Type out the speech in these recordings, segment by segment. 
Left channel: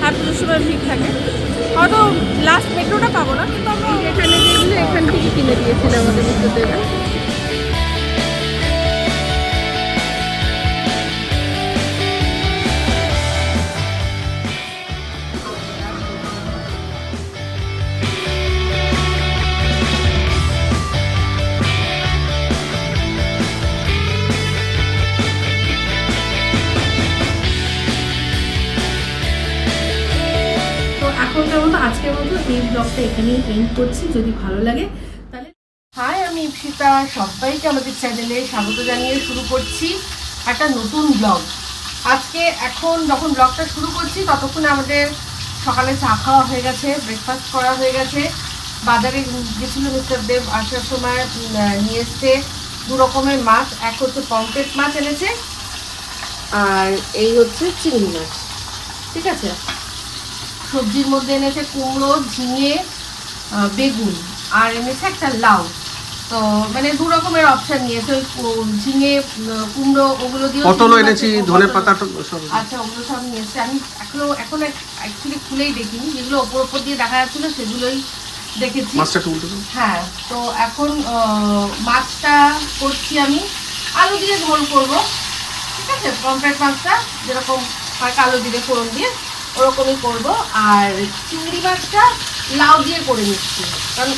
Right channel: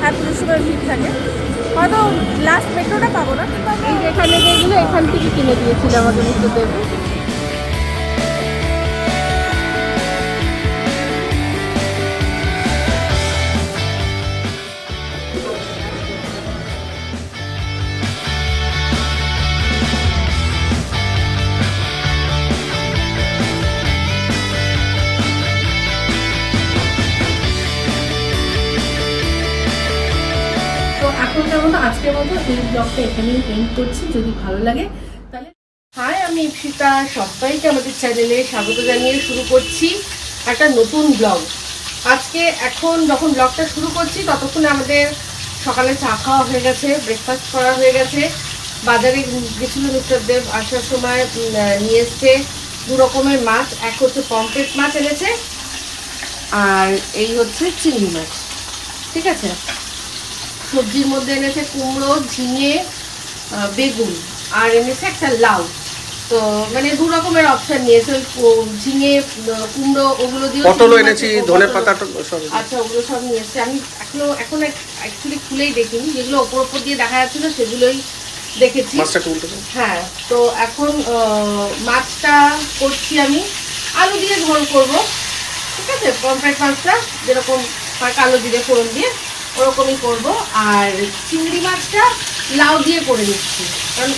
হ্যাঁ পুজোর সময় ভিড় থাকে। হয়তো লাস্ট মেট্রোটা পাবো না, কিন্তু আমরা এখানে যেগুলো এখান থেকে কিনে দিয়েছিল আমাকে বুঝতে তো ব্লগটা এখানেই এন্ড করছি। যদি ভালো লাগে, তাহলে হাই আমি ইপসিতা সবাইকে আমাদের চ্যানেলে স্বাগত জানিয়ে শুরু করছি একটা নতুন ব্লগ আজকে এখন যখন ব্লগটা শুরু করছি, ততক্ষণে আমাদের সকালে চা খাওয়া হয়ে গেছে ব্রেকফাস্ট করা হয়ে গেছে। বাজারে গেছিল মিস্টার দেব, আসার সময় নিয়ে এসছে দু রকমের মাছ। এক হচ্ছে পমফ্রেট মাছ এনেছে, আর এই হচ্ছে চিংড়ি মাছ। ঠিক আছে? সবজির মধ্যে এনেছে কুমড়ো ঝিঙে বেগুন আর এনেছে একটা লাউ। তো মানে দু রকমের অপশন নিয়েছে ওই ঝিঙে কুমড়ো ওগুলো দিয়ে পটলও এনেছি? ধনে পাতা সব। আচ্ছা ওগুলো সব নিয়ে এসছে আমি এখনও এখন অ্যাকচুয়ালি খুলেই দেখিনি। যেগুলো ওপর ওপর দিয়ে দেখা যাচ্ছিল সেগুলোই দেখেছি। মাছটা হ্যাঁ তো এখন মাছটা করছি আমি। আলু দিয়ে ঝোল করব। ঠিক আছে? পমফ্রেট মাছটা যেরকম হয় কালো জিরে ফোড়ন দিয়ে। ওরকমই করব। আর চিংড়ি মাছটা লাউ দিয়ে করে নিচ্ছি। কারণ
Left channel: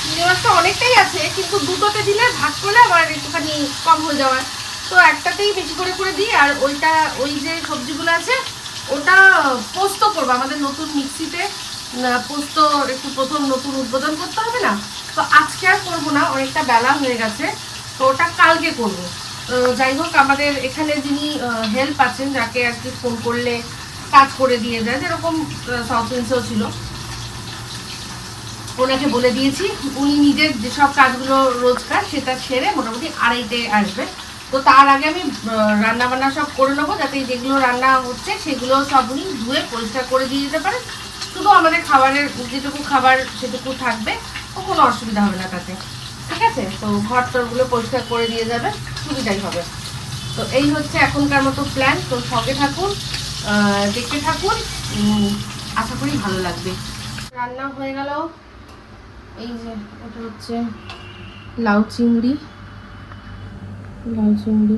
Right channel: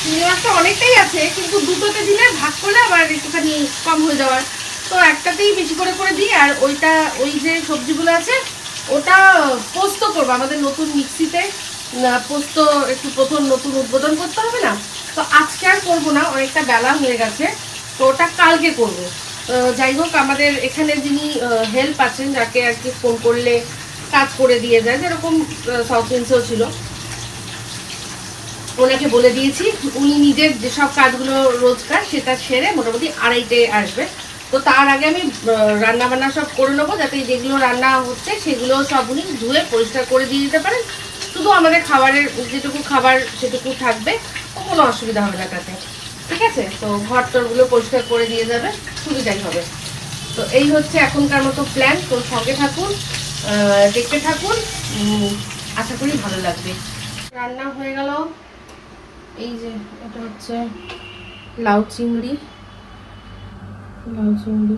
চিংড়ি মাছটা অনেকটাই আছে, কিন্তু দুটোতে দিলে ভাগ করলে আবার একটুখানি কম হয়ে যাওয়ার। তো একটাতেই বেশি করে করে দিই, আর ওইটা, ওই যে সবজিগুলো আছে, ওটা পোস্ত করব। আমাদের নতুন মিক্সিতে পোস্ত একটু প্রথম নতুন উদ্বোধন করতে হবে না? তো আজকে আর করব না, অনেকটা বেলা হয়ে গেছে, তো ওটা কালকে করব। যাই হোক, আমাদের এখানে যিনি হেল্প আছেন, যাকে আর কি ফোন করলে কাজ করে দিয়ে যায় যেরকম সাউথ ইন্সেও ছিল। ওনাকে বলে দিয়েছি, উনি নিজের যেসব কাজগুলো রোজকার, সেটা সেরে মোটামুটি আড়াইটে আসবে। তো তার আগে আমি রান্না বান্না সব করে নেব, যাতে যেগুলো রান্না হচ্ছে, সেগুলো সব উনি ধুয়ে পরিষ্কার করে দিয়ে দিতে পারেন। শুধু আমাদের খাবারের, যেটুকু খাবার সেটুকু থাকবে কোনো অসুবিধা হবে না তাতে। ঠিক আছে? তো ঘর টরগুলো পরিষ্কার করে দিয়ে যাবে, সুবিধাই হবে। তো এই হচ্ছে এখনকার মতো প্ল্যান তো শখে থাকুন। দেখতে থাকুন। আশা করি ভালো লাগবে। রান্না হয়ে গেল। এই যে, এটা হচ্ছে লাউ চিংড়ি। লাউ চিংড়ি।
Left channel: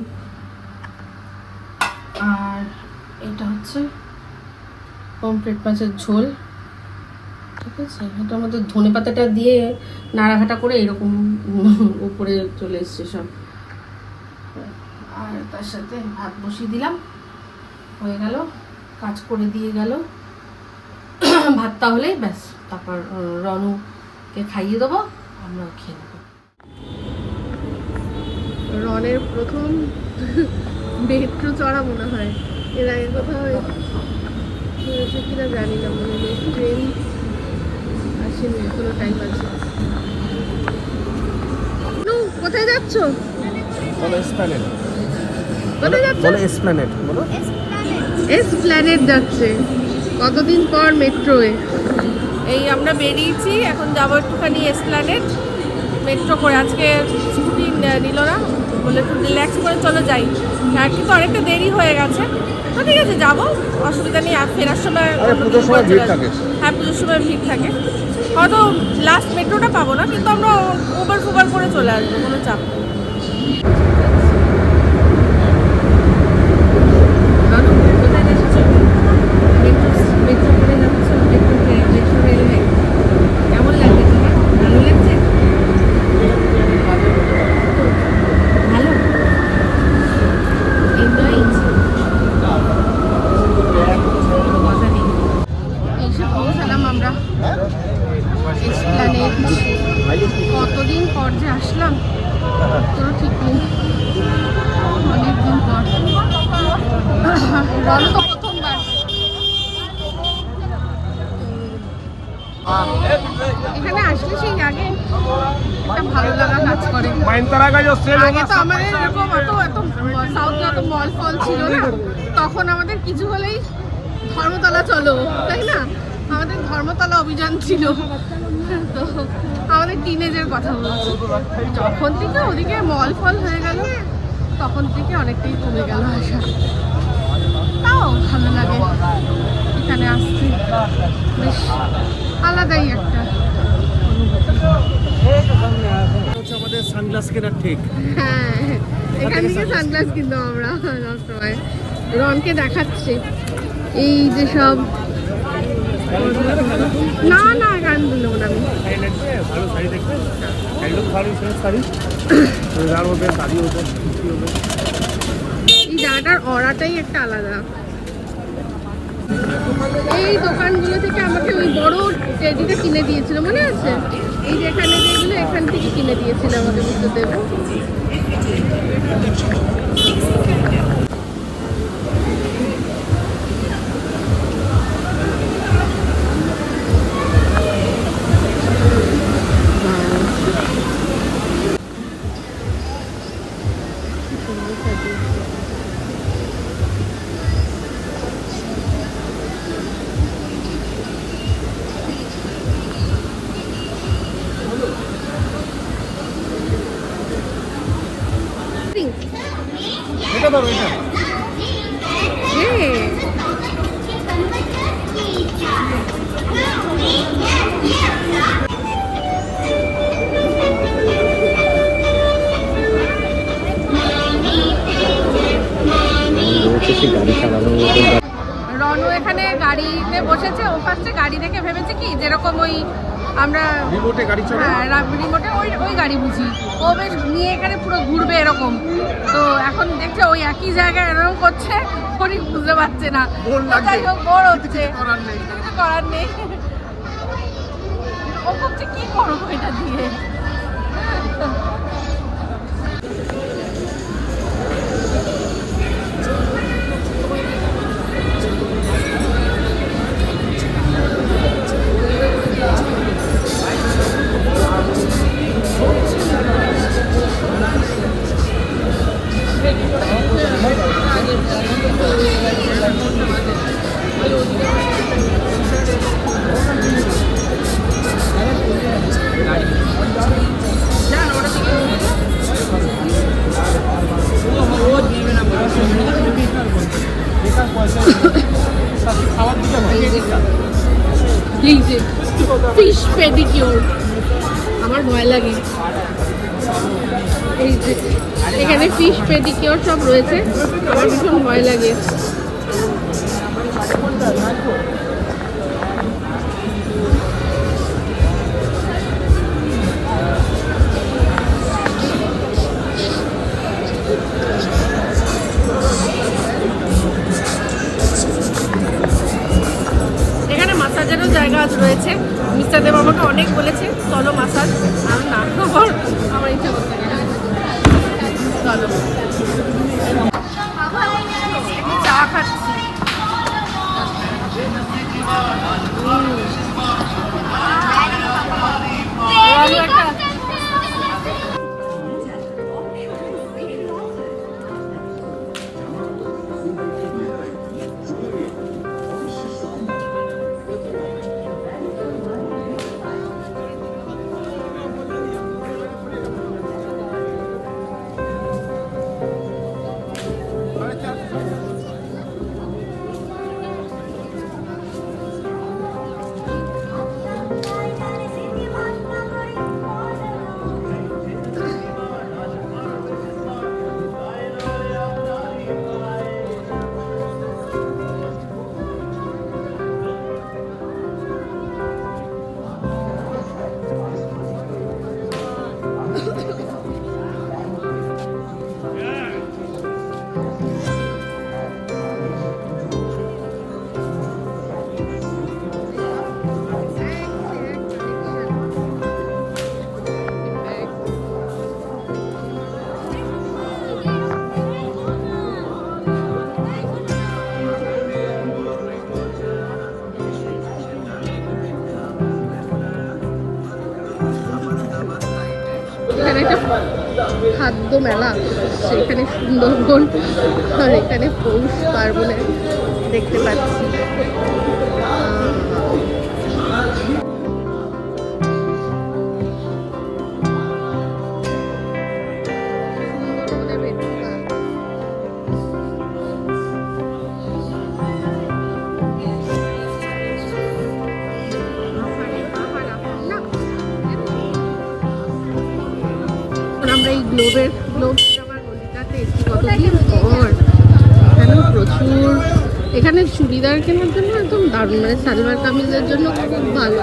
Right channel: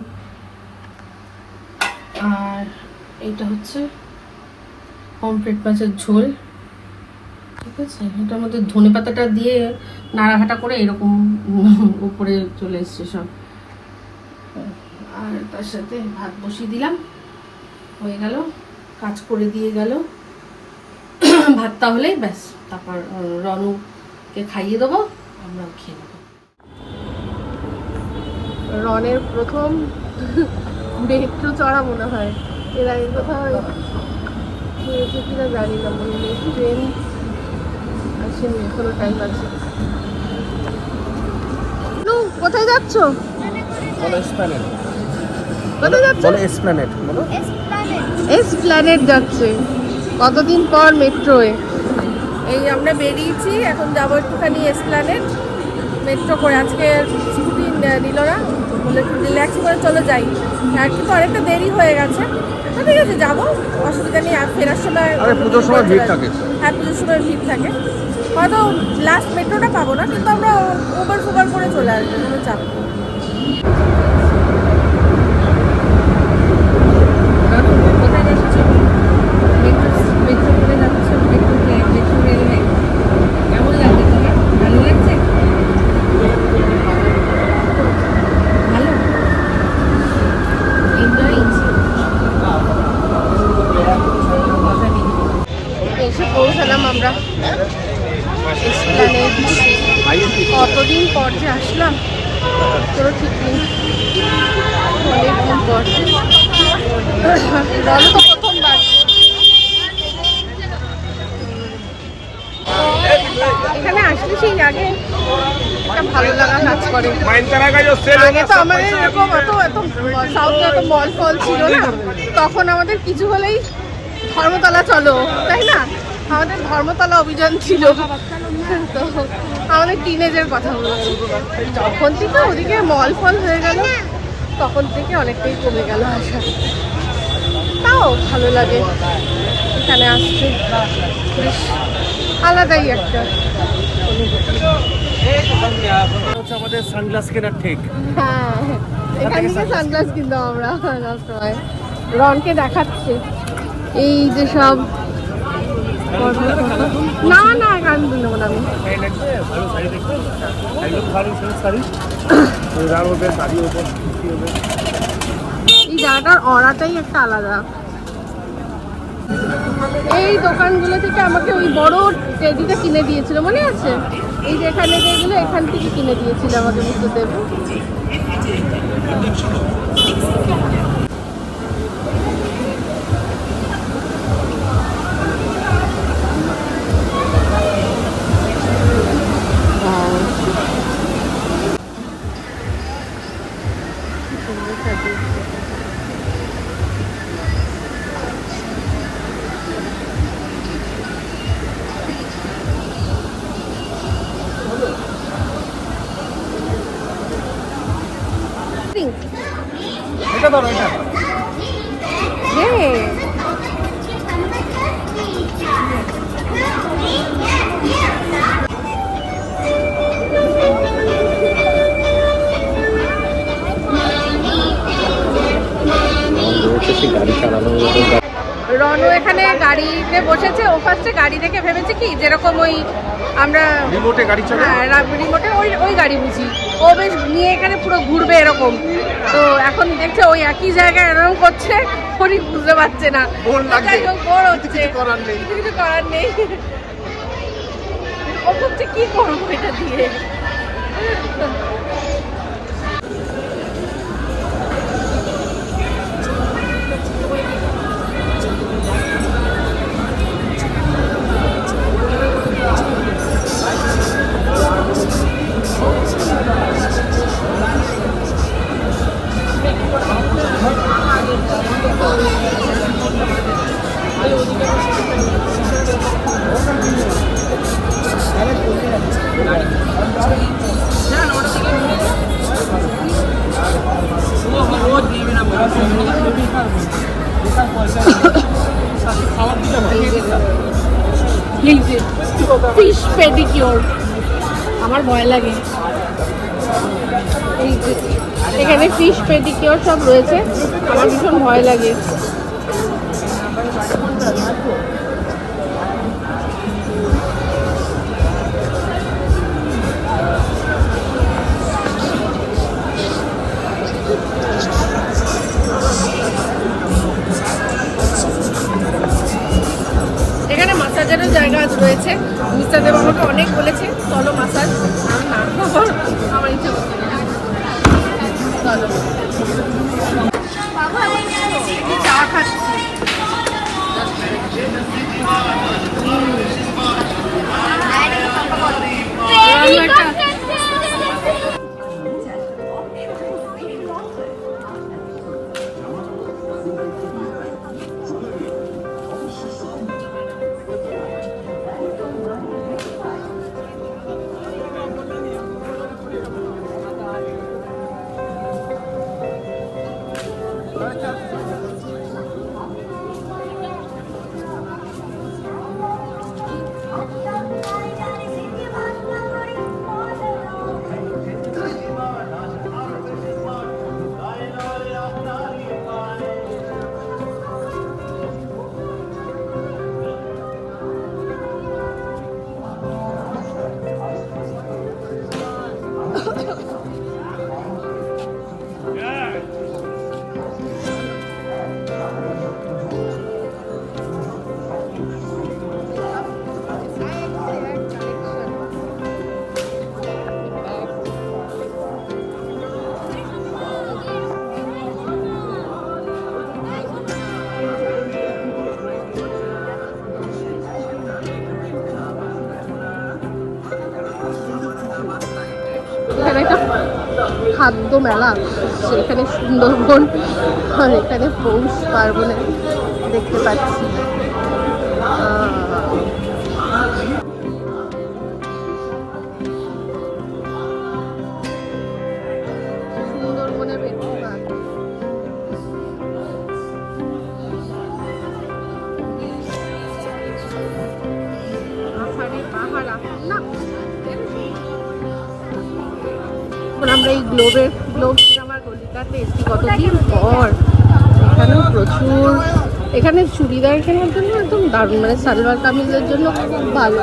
আর এইটা হচ্ছে পমফ্রেট মাছের ঝোল। ঠিক আছে? এটার মধ্যে ধনে পাতাটা দিয়ে নাড়াঘাটা করে এরকম উপরে চলে এসছে সব। আর তার সাথে ভাত বসিয়ে দিলাম। হয়ে গেল কাজ করে দিয়ে গেল। ভাত তাহলেই ব্যাস তারপর রনুকে খাইয়ে দেবো আমরা খেয়ে নেব। রনের প্রথম মেট্রো চড়া মনে হয়। এর আগে কোথাও হয়েছে কিনা জানি না মনে নেই। ট্রেন আসেনি এখনও টাইম আছে। নু, কোথায় যাচ্ছ? এসপ্ল্যানেড কোথায় যাচ্ছ? বলো এসপ্ল্যানেড বলো। যাচ্ছে। কতদিন পর মেট্রোয়ে? এই আমরা বেরিয়েছি এখন যাব একটুখানি এস প্ল্যানেট মেট্রো করে। আজকে ছুটি ন- নিল না। বলে একটু রিল্যাক্স করে চলে যাই। আর কিন্তু অনেকটা দেরি হয়ে গেছে। তো ঠিক আছে যাব। অসুবিধা নেই আর ফেরার সময় অন্য কিছু করে চলে আসব। হ্যাঁ পুজোর সময় ভিড় থাকে। হয়তো লাস্ট মেট্রোটা পাবো না কিন্তু আমরা উবার ফুবার করে চলে আসব কোনো চাপ নেই রানু, কোথায় এসেছ? মেট্রো মেট্রো করে যাচ্ছো মেট্রো মেট্রো রেলওয়ে কেমন লাগছে তোমার ভালো লাগছে ভালো এনজয় এসে পৌঁছালাম আমরা এসপ্লানেট কতদিন পর যে আসলাম তোরও ঠিক নেই অনেকদিন পর রনু তো প্রথমবার এখানে আসলে সেই আগে একটা ভালো লাগা কাজ করে। আগে তো আমাদের এরকম এত এত সাউথে এত মল ফল ছিল না। তখন আমাদের কিছু হলেই ধর্মতলা চলো, তাই না? আমাদের ধর্মতলা অভিযান ছিল। তো আমাদের টিনেজের কথা বলছি যখন থেকে ওদিকে মল ফল হয়ে গেল, তখন থেকে অনেকটাই কমে গেল আসা তাও ভালো লাগে। এখানে আসছে বেশ আলাদাই একটা হচ্ছে আমাদের সানগ্লাস কেনার ঠিক হ্যাঁ এখান থেকে সানগ্লাস কিনতাম আমরা সবসময়। রনকে দেখাচ্ছে। এই যে সব না না এখানে নেব না আমি। এই জায়গাটার অরাটাই একটা আলাদা। এই দোকানগুলো থেকে আমাকে ওই বড় টেডিটা কিনে দিয়েছিল মনে আছে? এই যে এখানে যেগুলো এখান থেকে কিনে দিয়েছিল আমাকে বুঝতে এটা রনু এখানে গাড়িতে বসেছে। ও ফার্স্টে গাড়ি দেখে ভেবেছে কি যেরকম ওই আমরা হ্যাঁ রিমোটে ওই ওই গাড়ি বুঝি। ও বেশ নিয়ে এখানে পুরো ঘুরবে এরকম। তো এখন দেখছে ওই একই জায়গায় এরকম করছে উনি বুঝতে পারছে না। বোর হচ্ছে কিছু করার নেই। কিছু কিছু করার নেই। ও ভাবছে কি করব এটা দিয়ে? ফিশ পেডিকিওর আমার ভয় লাগে। এই যে, এখানে ফিশ পেডিকিওর সব রয়েছে। আমার ভীষণ ভয় লাগে। রয়েছে। মিস্টার দেব আমাকে অনেক বলেছে চলো মাসাজ। মেলা সেখানে সুন্দরবন আর এখানে পৌষ পার্বণে দেখতে পাচ্ছি। আমরা এই গ্লোবের এসেছি কতদিন পর? প্রচুর এখানে চুড়িদার কেনার জন্য একদম দারুণ মানে সালোয়ার কামিজের জন্য খুব ভালো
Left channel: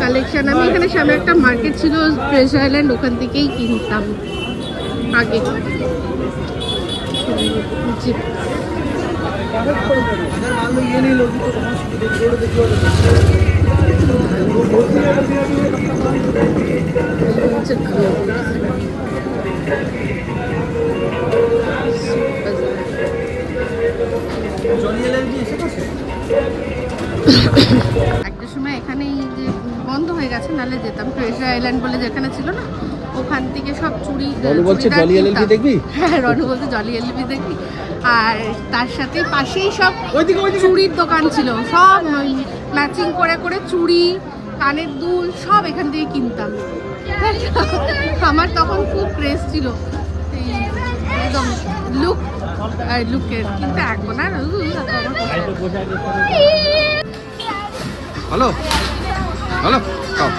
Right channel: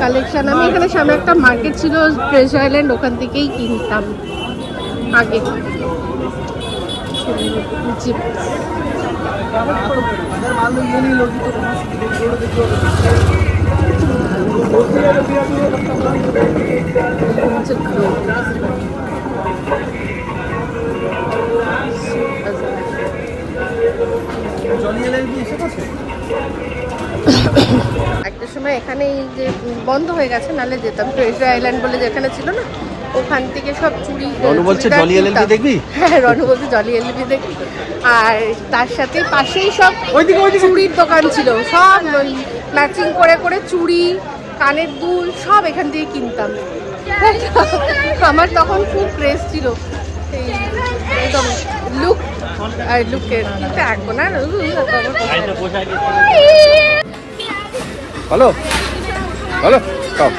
কালেকশন আমি এখানে সামনে একটা মার্কেট ছিল ট্রেজার আইল্যান্ড ওখান থেকেই কিনতাম আগে। জি। একটা সময় এখানে এই যে বন্ধ হয়ে গেছে নালে যেতাম। ট্রেজার আইল্যান্ড বলে যেখানে ছিল না ওখান থেকে সব চুড়ি চুড়িদার কিনতাম। হ্যাঁ রনু বলতে জলি এলইডি দেখবি। আর তার সাথে পাশেই সব চুড়ির দোকান ছিল। সব ম্যাচিং করে করে চুড়ি কানের দুল সব এখান থেকে কিনতাম। আমার তখন খুব ক্রেজ ছিল। এই একদম লুক আর লুকের কিন্তু এখন আমার না। ভালো ভালো খাও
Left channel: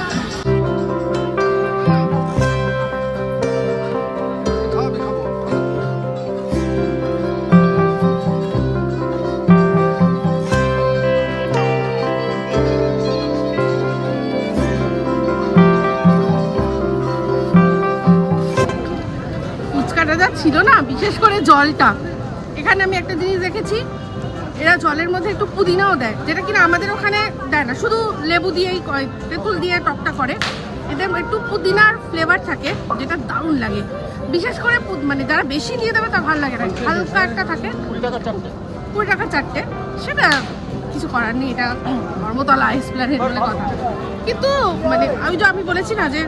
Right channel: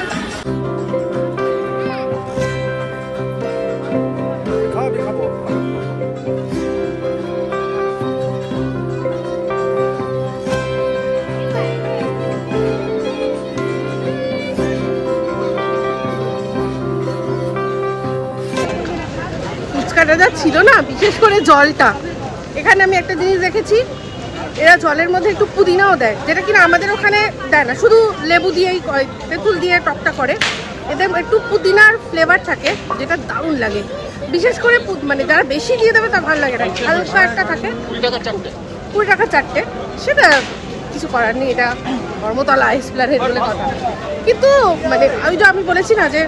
ছিল না, বিশেষ করে জলটা। এখানে আমি একটা জিনিস দেখেছি, এরা জলের মধ্যে একটু পুদিনাও দেয়, যেটা কিনা আমাদের ওখানে দেয় না। শুধু লেবু দিয়েই তেঁতুল দিয়ে টকটা করে। এদের একটু পুদিনার ফ্লেভার থাকে, যেটা দারুণ লাগে। বিশেষ করে মানে যারা বেশি দিয়ে দেবে তা ভালো লাগে না। হালকা একটা থাকে। কুড়ি টাকা চারটে। সেটা কিছু করার নেই, এটা ধর্মতলা এক্সপ্লানেট বলে কথা। কিন্তু মানে আমি যে আমি বলেছি না যে,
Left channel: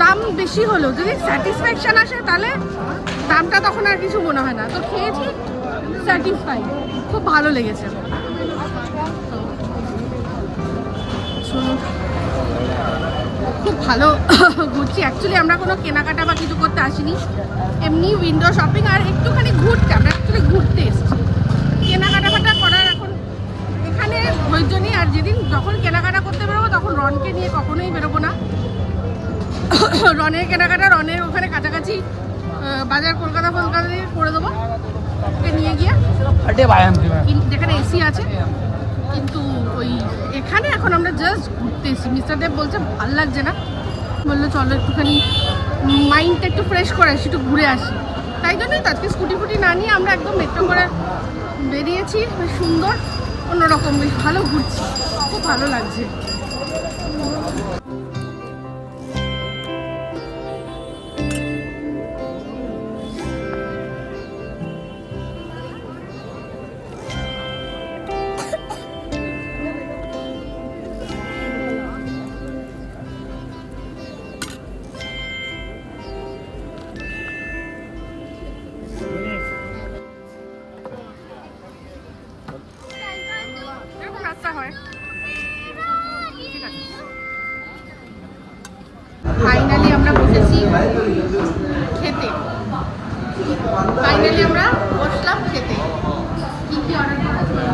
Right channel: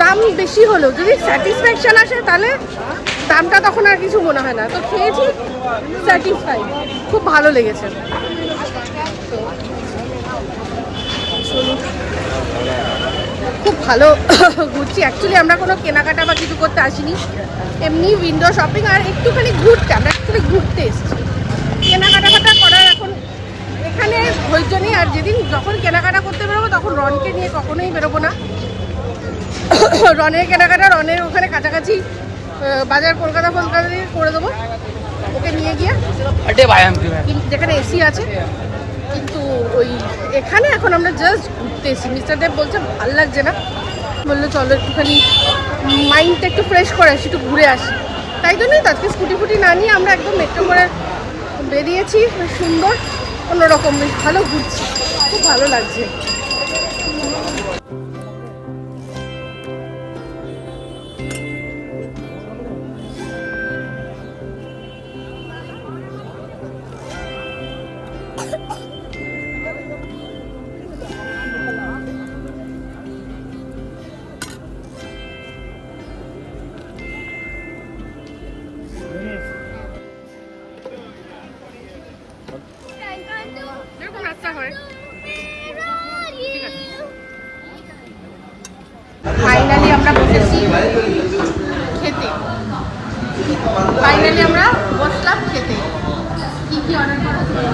দাম বেশি হলেও যদি স্যাটিসফ্যাকশন আসে তাহলে দামটা তখন আর কিছু মনে হয় না। তো খেয়েছি স্যাটিসফাই খুব ভালো লেগেছে। খুব ভালো ঘুরছি। অ্যাকচুয়ালি আমরা কোনো কেনাকাটা বা কিছু করতে আসিনি। এমনি উইন্ডো শপিং আর একটুখানি ঘুরতে। আমরা অ্যাকচুয়ালি ঘুরতে এসেছি। কেনাকাটা করার এখন এখানে ধৈর্য নেই। আর যেদিন যখন কেনাকাটা করতে বেরোবো, তখন রনকে নিয়ে কখনোই বেরোবো না। রনের কেনাকাটা, রনের ওখানে কাছাকাছি বাজার কলকাতা ফলকাতা দিয়ে করে দেবো। ওকে নিয়ে গিয়ে। যেখানে এসি আছে। কিন্তু ওই এখানে এখন আমরা জাস্ট ঘুরতে এসি মিস্টার দেব বলছে ভালো লাগছে না। বলল চলো একটুখানি মাইন্ডটা একটু ফ্রেশ করে আসি একটু ঘুরে আসি। তাই জন্যই তো আজকে স্কুটি ফুটি না নিয়ে আমরা একদম মেট্রো করে বেরিয়েছি। সুন্দর অন্যরকম বেশ ভালো ঘুরছি। খুব ভালো লাগছে।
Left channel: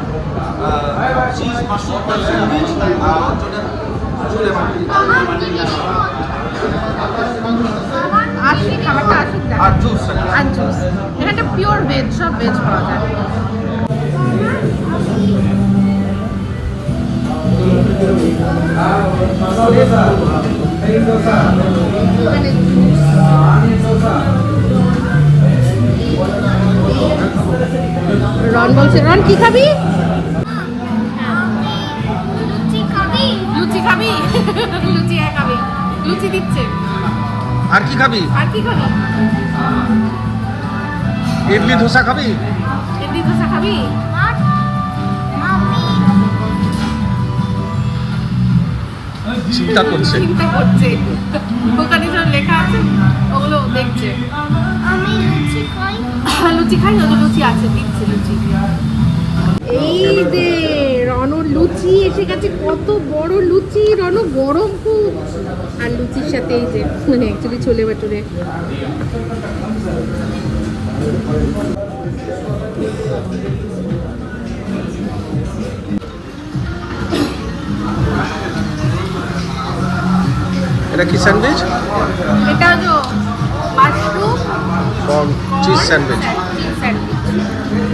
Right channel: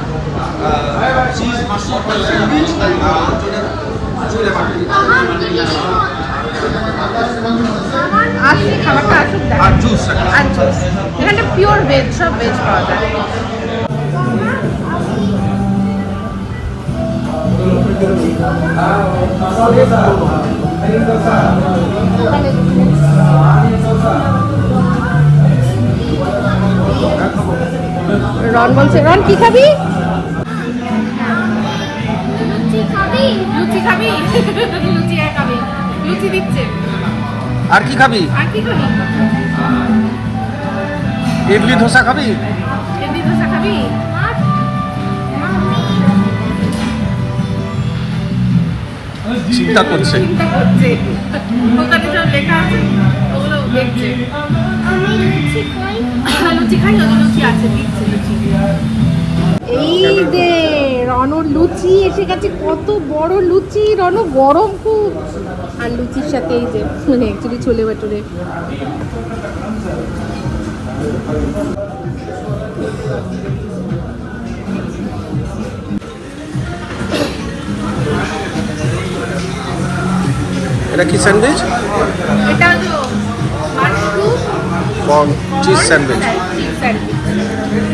করা আস খাবারটা আসুক দেখা আর জুস এখানটা পিওর ভেজ সব ভেজ পাওয়া যায়। এখানে রন বলছে রন কি খাবি? লুচি খাবি? লুচি খাবি? লুচি দিচ্ছে। আর কি খাবি? আর কি খাবি? ইডলি ধোসা খাবি? ইডলি দোসা খাবি? চিন্তা করছে। চিন্তা করছে। দোকানে যা লেখা আছে ওগুলো দেখছে। লুচি খাই। ওদের লুচি আছে দিচ্ছে লুচি। এই দে রণ লুচি এসে গেছে কত বড় লুচি রণ গরম খুব। আর লুচির সাথে এই যে মানে অ্যাকচুয়ালি ছোলে বাটুরে এটা কি স্যান্ডউইচ? এটা তো cheese sandwich. cheese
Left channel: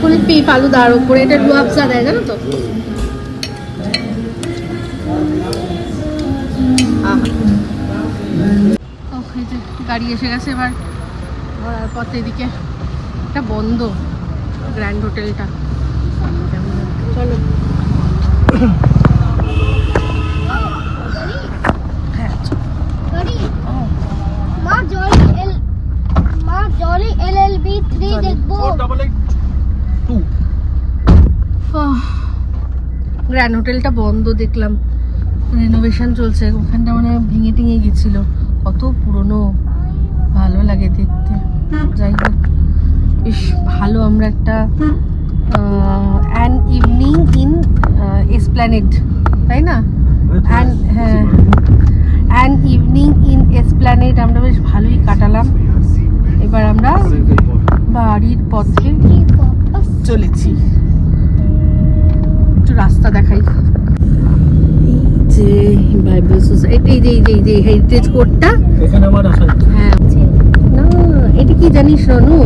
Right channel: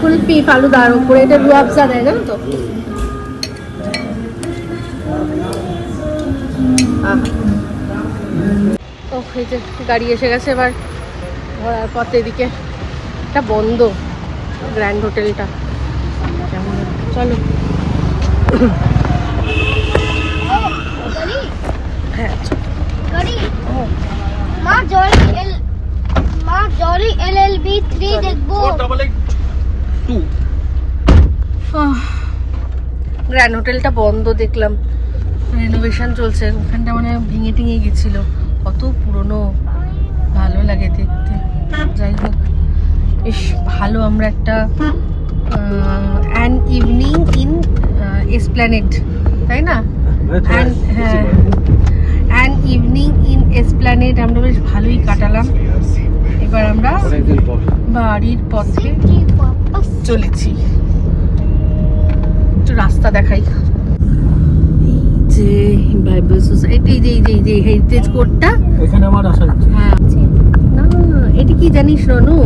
কুলপি ফালুদার উপরে, এটা রুয়াবজা দেয়, জানো তো? এই যে গাড়ি এসে গেছে এবার ঘোরার পথে এদিকে। এটা বন্ধ, গ্র্যান্ড হোটেলটা চলো হ্যাঁ Sorry. ও, মা জরি এল মা জরি এলএলবি 3 দেখব গ্র্যান্ড হোটেলটা বন্ধ দেখলাম। রেনোভেশন চলছে ওখানটা মানে ভেঙে টিঙে গেছিল কত পুরনো ভালো লাগে দেখতে যাই হোক বেশ ভালো আমরা একটা অ্যান ইভিনিং ইন এসপ্ল্যানেড তাই না? অ্যান্ড হ্যাঁ। অ্যান ইভিনিং ইন এসপ্ল্যানেড আমরা বেশ ভালোই কাটালাম। এবার আমরা বাড়ির পথে চলেছি। একটু রাস্তা দেখাই। যে বাইবেল সোসাইটি এই যে এই যে এই যে হেরিটেজ কোডটা এখানে আমার আসা হ্যাঁ। না এটা কি জানিস রনু?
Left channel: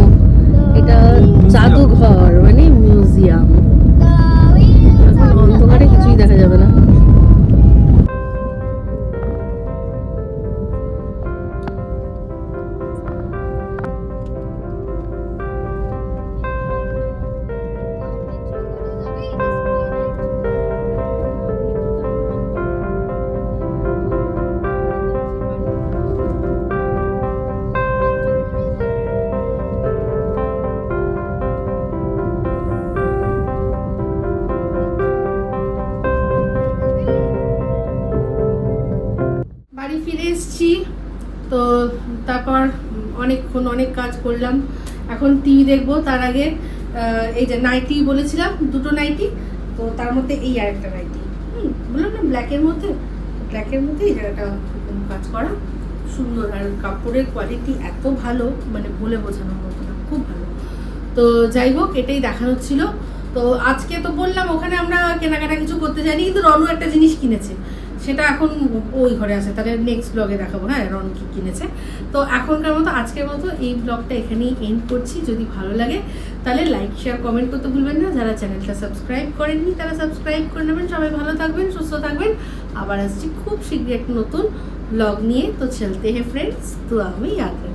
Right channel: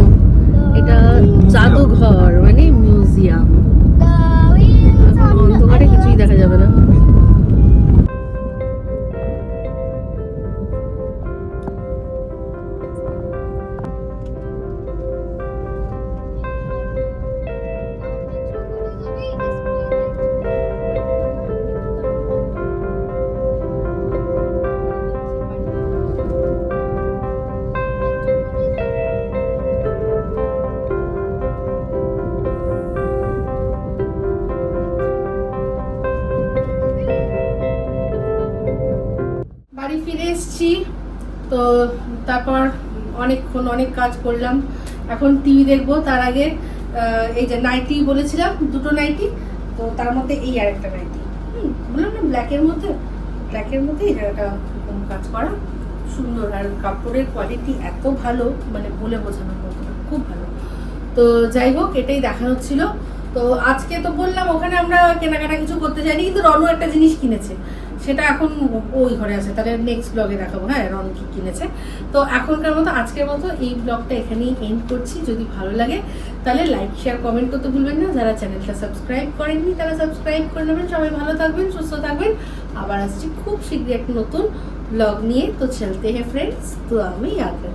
অনেক কাজ করলাম। এখন টিভি দেখব তার আগে এই যে নাইটি বলেছিলাম দুটো নাইটি তো তার মধ্যে এই আর একটা নাইটি। হুম, বললাম না ব্ল্যাকের মধ্যে ব্ল্যাকের মধ্যে এই জায়গাটা কাজ করা। সুন্দর আর কাপড়ের কোয়ালিটি এত ভালো মানে বলে বোঝানোর মতো না খুব ভালো। তো যাই হোক এটাই দেখানোর ছিল। তো আজকে তো বললাম ওখানে আমরা কেনাকাটা কিছু করতে যাইনি কিন্তু রনু একটা জিনিস কিনেছে। সেটা এখন ওই ঘরে আছে। তাহলে নেক্সট ব্লগে দেখাবো। হ্যাঁ রন কি কিনেছে। তো এখনকার মতো আজকের মতো এই ব্লগটা এখানেই এন্ড করছি। যদি ভালো লাগে, তাহলে লাইক শেয়ার কমেন্ট করতে ভুলবেন না। যারা চ্যানেলটা সাবস্ক্রাইব করেননি, তারা সাবস্ক্রাইব করে নেবেন। সবাই ভালো থাকবেন, সুস্থ থাকবেন। আবার আসছি খুব শীঘ্রই একটা নতুন ব্লগ নিয়ে। তো চলতে হে ফ্রেন্ডস তো আমি রাখনা